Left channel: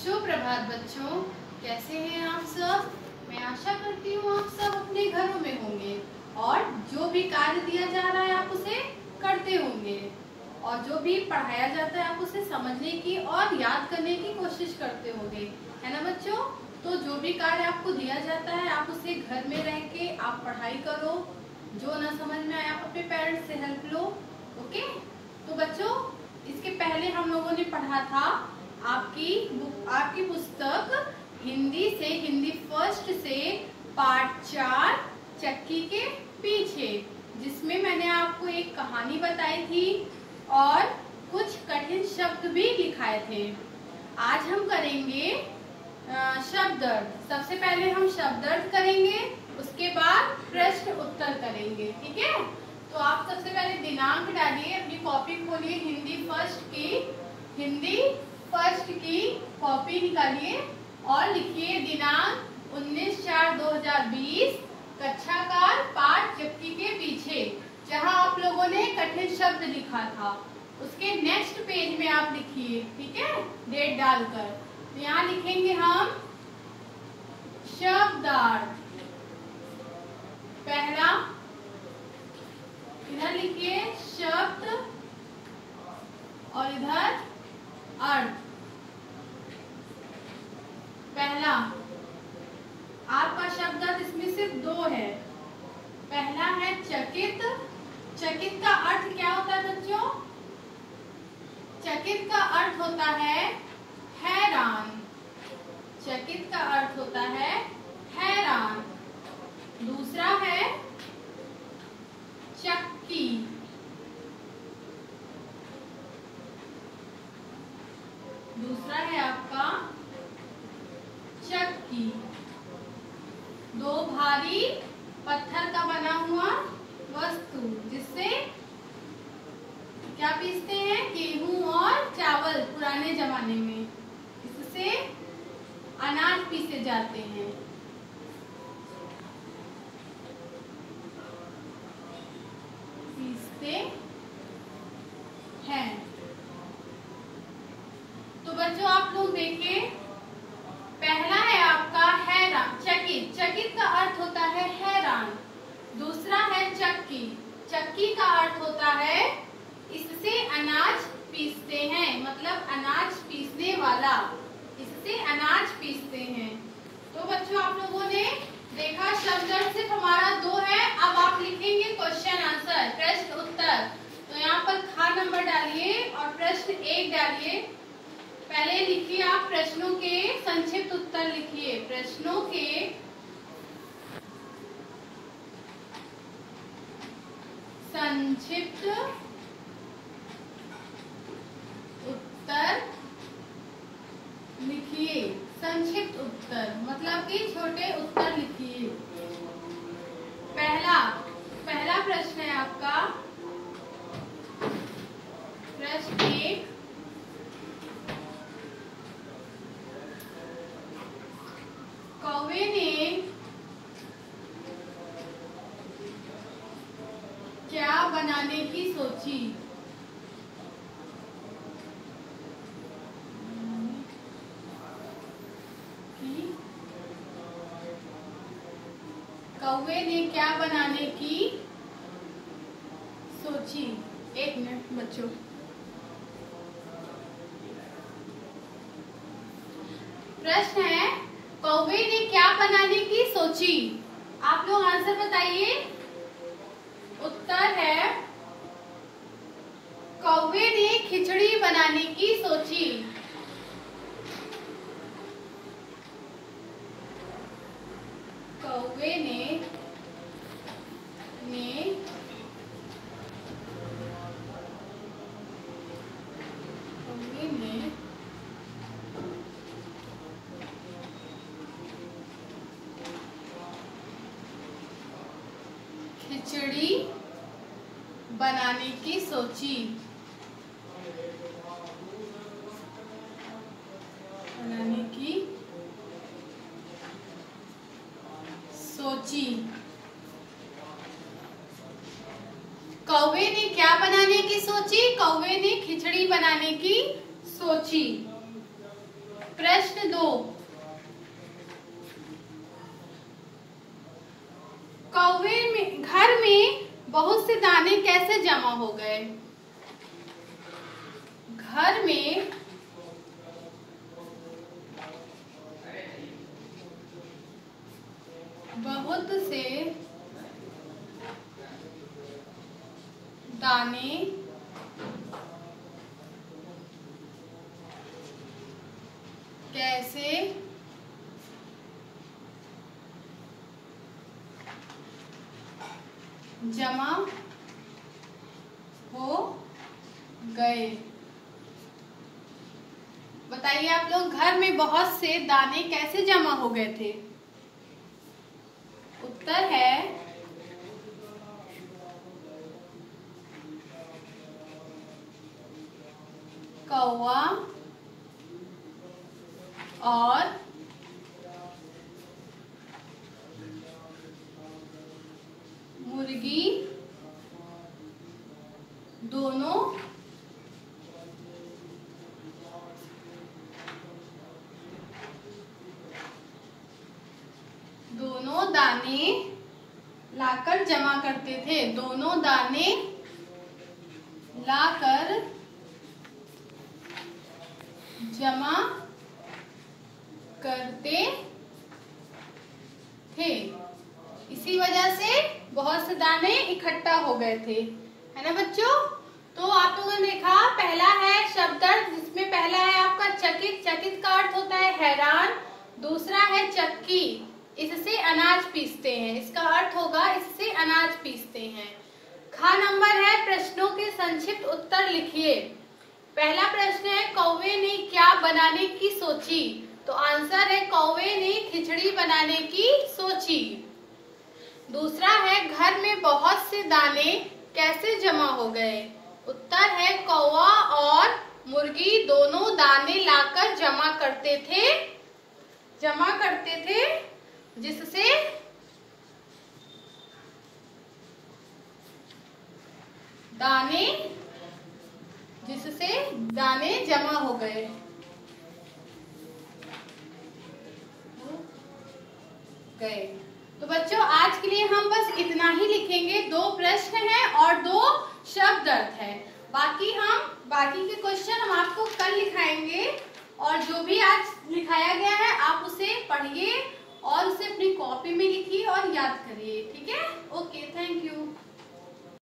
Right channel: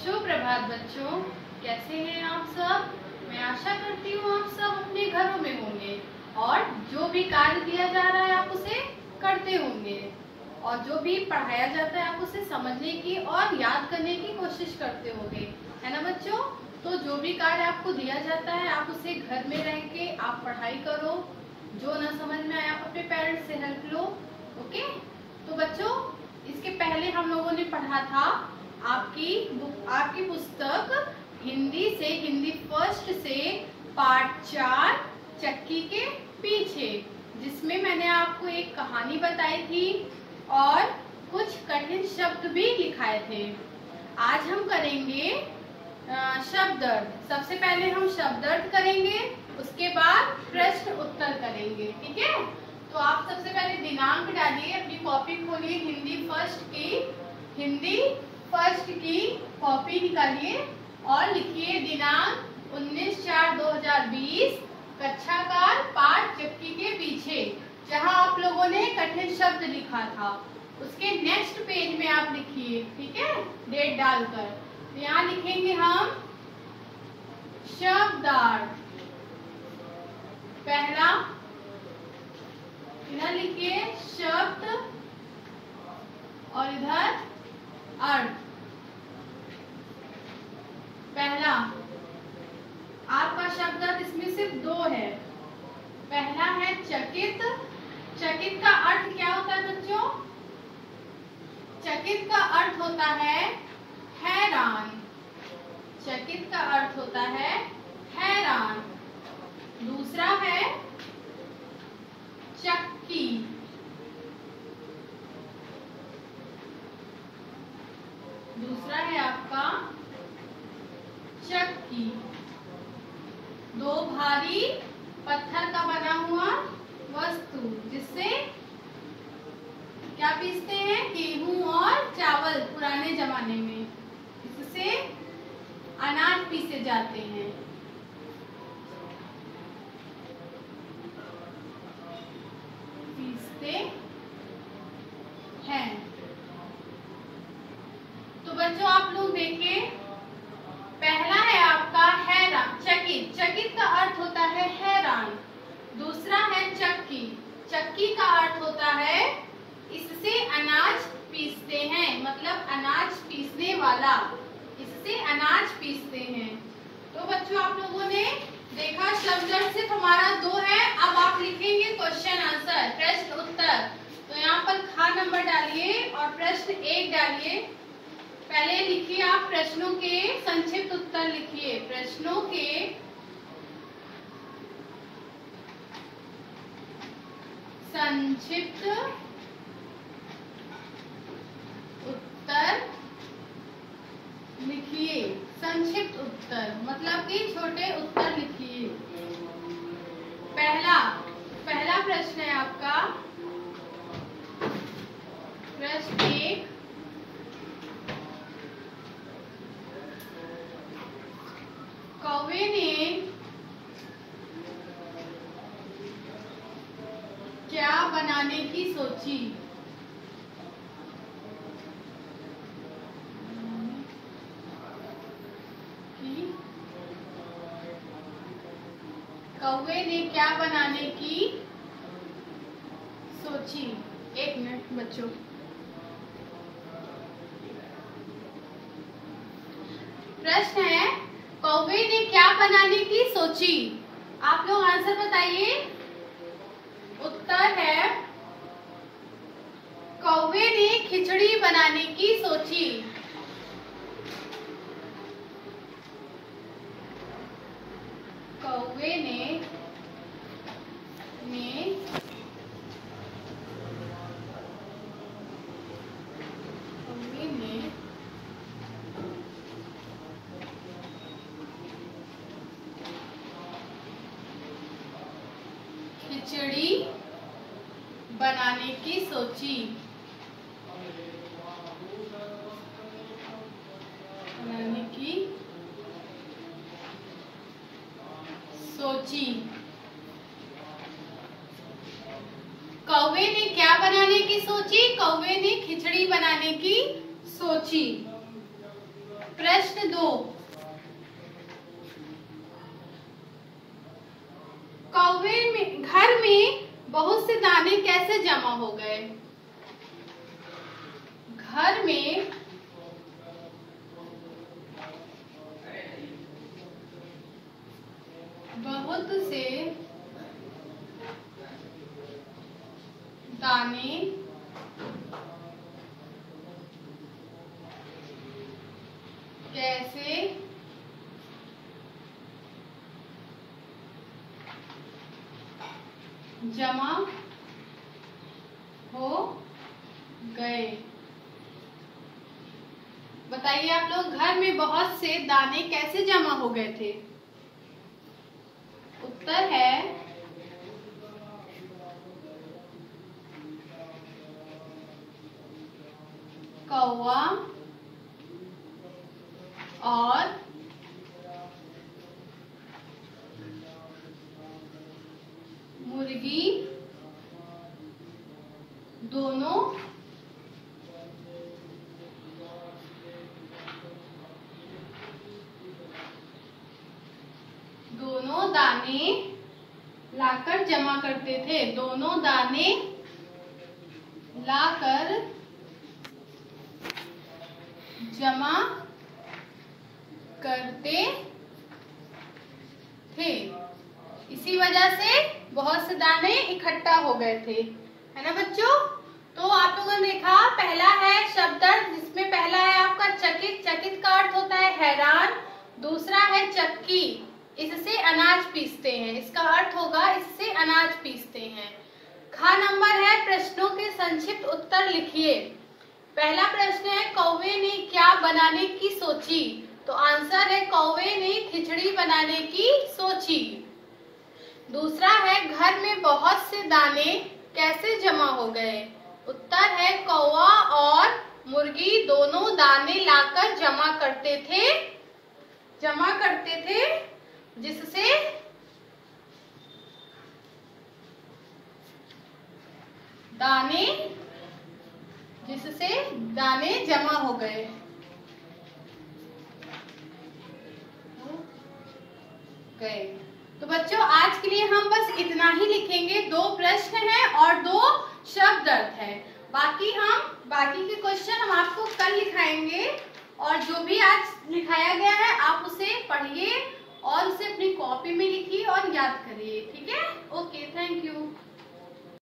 सुप्रभात बच्चों, कैसे हैं आप सब। मैं आशा करती हूँ आप सब अपने घरों में होंगे और जो भी कार्य दिया जा रहा है आप उसे करते होंगे और जो भी पढ़ाया जाता है आप उसे समझने की और याद करने की कोशिश करते होंगे, है ना बच्चों। तो जो भी कार्य आपको दिया जाता है आप उसे घर में रह के आप पढ़ाई करो। जो ना समझ में आए आप अपने पेरेंट्स से हेल्प लो। ओके, तो बच्चों इसके पहले हम लोगों ने पढ़ा था आपकी पुस्तक हिंदी फर्स्ट से पार्ट 4 चक्की के पीछे, जिसमें मैंने आपको एक कहानी बताई थी और कुछ कठिन शब्द भी लिखाए थे। आज हम करेंगे शब्द अर्थ। सबसे पहले हम शब्द अर्थ करेंगे, उसके बाद प्रश्न उत्तर करेंगे, ठीक है। तो आप सबसे पहले दिनांक डालिए, अपनी कॉपी खोलिए, हिंदी फर्स्ट की कॉपी निकालिए और लिखिए दिनांक 19/4/2020 कक्षा का पाठ चक्की के पीछे। जहां आप लोगों ने कठिन शब्द लिखा था उसके नेक्स्ट पेज में आप लिखिए, ठीक है, डेट डालकर। तो यहाँ लिखेंगे हम शब्दार्थ। पहला इधर लिखिए शब्द और इधर अर्थ। पहला आपका शब्द अर्थ इसमें सिर्फ 2 है। पहला है चकित। चकित का अर्थ क्या होता है बच्चों? चकित का अर्थ होता है हैरान। चकित का अर्थ होता है हैरान। दूसरा है चक्की। दूसरा है आपका चक्की। 2 भारी पत्थर का बना हुआ वस्तु जिससे क्या पीसते हैं? गेहूं और चावल। पुराने जमाने में इससे अनाज पीसे जाते हैं। पीसते हैं। तो बच्चों आप लोग देखिए, पहला है आपका हैरान। चकित। चकित का अर्थ होता है हैरान। दूसरा है चक्की। चक्की का अर्थ होता है इससे अनाज पीसते हैं, मतलब अनाज पीसने वाला। इससे अनाज पीसते हैं। तो बच्चों आप लोगों ने देखा शब्द अर्थ सिर्फ हमारा 2 है। अब आप लिखेंगे क्वेश्चन आंसर, प्रश्न उत्तर। तो यहाँ पर खा नंबर डालिए और प्रश्न 1 डालिए। पहले लिखिए आप प्रश्नों के संक्षिप्त उत्तर लिखिए। प्रश्नों के संक्षिप्त उत्तर लिखिए। संक्षिप्त उत्तर मतलब कि छोटे उत्तर लिखिए। पहला प्रश्न है आपका प्रश्न 1। कौवे ने क्या बनाने की सोची? कौवे ने क्या बनाने की सोची? 1 मिनट बच्चों। प्रश्न है कौवे ने क्या बनाने की सोची? आप लोग आंसर बताइए। उत्तर है कौवे ने खिचड़ी बनाने की सोची। कौवे ने खिचड़ी बनाने की सोची। कौवे ने क्या बनाने की सोची? कौवे ने खिचड़ी बनाने की सोची। प्रश्न 2। कौवे में घर में बहुत से दाने कैसे जमा हो गए? घर में बहुत से दाने कैसे जमा हो गए? बताइए आप लोग, घर में बहुत से दाने कैसे जमा हो गए थे? उत्तर है कौवा और मुर्गी दोनों दाने लाकर जमा करते थे। दोनों दाने लाकर जमा करते थे। इसी वजह से बहुत से दाने इकट्ठा हो गए थे, है ना बच्चों? तो आप लोगों ने देखा, पहला है शब्दार्थ, जिसमें पहला है आपका चकित। चकित का अर्थ होता है हैरान। दूसरा है चक्की, इससे अनाज पीसते हैं, इसका अर्थ होगा इससे अनाज पीसते हैं। खा नंबर है प्रश्नों के संक्षिप्त उत्तर लिखिए। पहला प्रश्न है कौवे ने क्या बनाने की सोची? तो आंसर है कौवे ने खिचड़ी बनाने की सोची। दूसरा है घर में बहुत से दाने कैसे जमा हो गए? उत्तर है कौवा और मुर्गी दोनों दाने लाकर जमा करते थे जिससे दाने जमा हो गए। तो बच्चों आज के लिए हम बस इतना ही लिखेंगे। 2 प्रश्न हैं और 2 शब्द अर्थ है। बाकी के क्वेश्चन हम आपको कल लिखाएंगे, और जो भी आज लिखाया गया है आप उसे पढ़िए और उसे अपनी कॉपी में लिखिए और याद करिए। ठीक है? Okay, thank you.